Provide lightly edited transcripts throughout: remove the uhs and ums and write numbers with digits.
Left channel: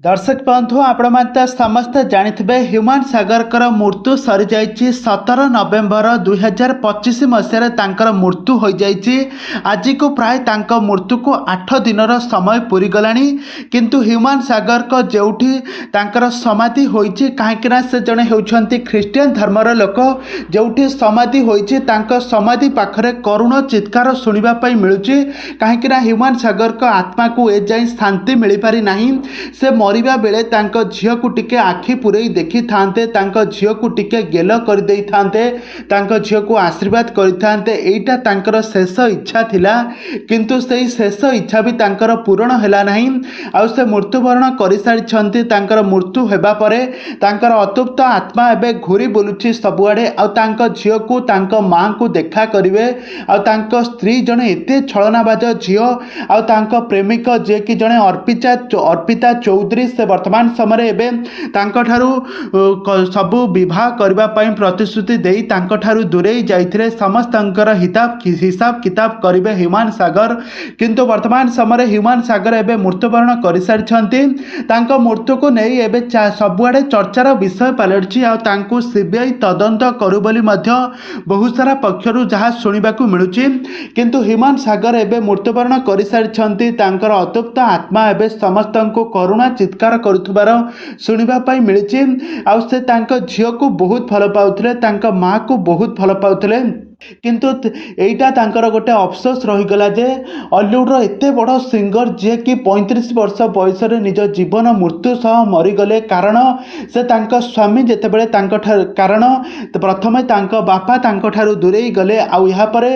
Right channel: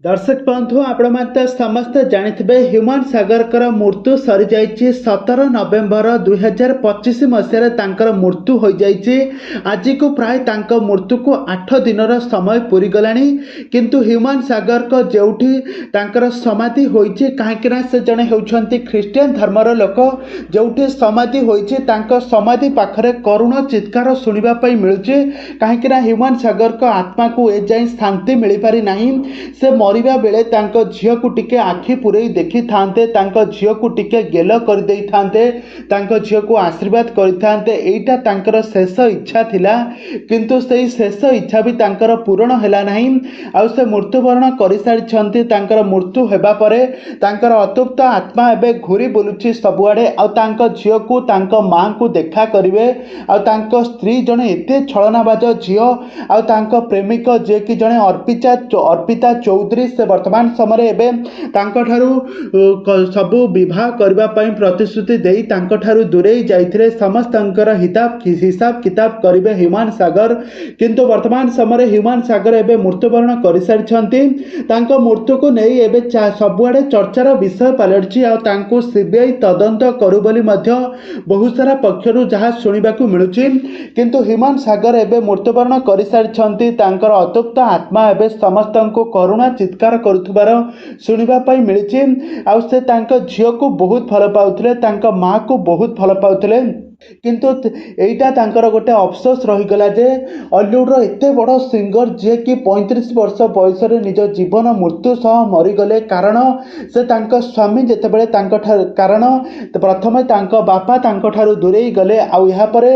दर्शक बंधु आपण समस्ते जानिथिबे ह्यूमान सागर मृत्यु सरी जाइछि 17 नवेम्बर 2025 मसीह तांकर मृत्यु हो जाइछि। आज को प्राय तांक मृत्यु को 8 दिन समय पूरी गलानी किंतु ह्यूमान सागर को जेउठी तांकर समाधि होइछि काहेकि से जने हेउछंती ख्रिस्टियन धर्मर लोक जेउठी समाधि होइछि तांक समाधि पाखरे करुण चित्कार सुनिबा पई मिलुछि काहेकि ह्यूमान सागर को आत्मा को ए जाई शांति मिली पारि नाही। से मरिबा बेले तांको झियो को टिके आखि पुरई देखि थांते तांको झियो को टिके गेल कर देई थांते तांको झियो को आशीर्वाद करि थांते एटा तांकर शेष इच्छा थिला किंतु सेई शेष इच्छा भी तांकर पूर्ण हैला नाही। आ से मृत्युवरण करि सारि छंती तांकर मृत्यु हेबा परे तांकर अतृप्त आत्मा एबे घुरी बुलुछि सबुआडे आ तांको झियो को तांको मां को देखा करिवे आ तांको स्त्री जने एते छळनाबाज झियो आ तांको प्रेमिक जे कि जने अर्पिता चौधरी से वर्तमान समय एवं सबू विवाह करने प्रतिश्रुति देई दूरे जाइए समस्त हिसाब किताब करेंगे ह्यूमान सागर किंतु वर्तमान समय ह्यूमान सागर एवं मृत्युवरण कर सारी मृत्यु को नहीं एवं सबुआड़े चर्चार विषय पलटि सीबीआई तदंत करू बोली बहुत सारा पक्षर जहाँ शुणा मिलूँ किंतु ह्यूमान सागर एवं मृत्युवरण कर सारी अतृप्त आत्मा एवं समस्त को करुणा चित्कार करुथुबार सुनिबा पाई मिलिछि। आउ से तांको झियो को बहुत भल पाउथिले तांको मां को बहुत भल पाउथिले किंतु एटा तांकर गोटे अफसोस रहीगला जे हॉलीवुड एते बड़ सिंगर जे कि 35 वर्ष बयस निज जीवन मृत्यु सह मरीगले कारण से तांको स्वामी जेतेबेले कारण प्रथमे तांको बापा तांको ठारू दूरेई गले आउ या परे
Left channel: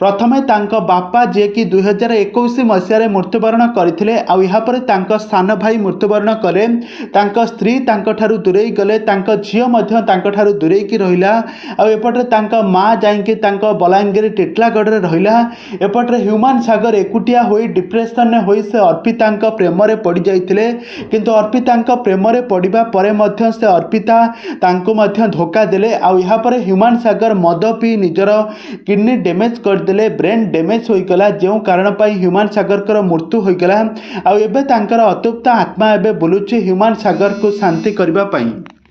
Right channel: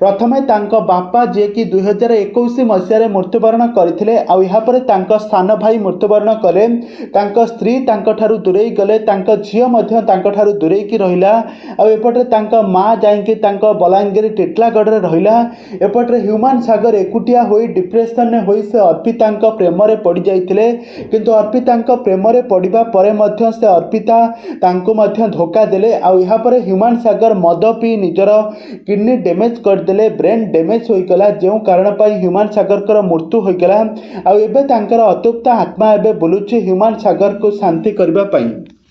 प्रथमे तांको बापा जे कि 2021 मसीह मृत्युवरण करथिले आउ या परे तांको सान भाई मृत्युवरण कले तांको स्त्री तांको ठारू दूरेई गले तांको झियो मध्य तांको ठारू दूरेई की रहिला आउ एपटे तांको मां जाईके तांको बलांगीर टिटलागढ़ रहिला एपटे ह्यूमान सागर एकुटिया होई डिप्रेशन ने होई से अर्पिता प्रेम रे पड़ जाइथिले किंतु अर्पिता प्रेम रे पड़िबा परे मध्य से अर्पिता तांको मध्य धोखा देले आउ या परे ह्यूमान सागर मद पी निजर किडनी डैमेज कर देले ब्रेन डैमेज होई गला जेउ कारण पाई ह्यूमान सागर कर मृत्यु होई गला आउ एबे तांकर अतृप्त आत्मा एबे बुलुची ह्यूमान सागर को शांति करबा पाई।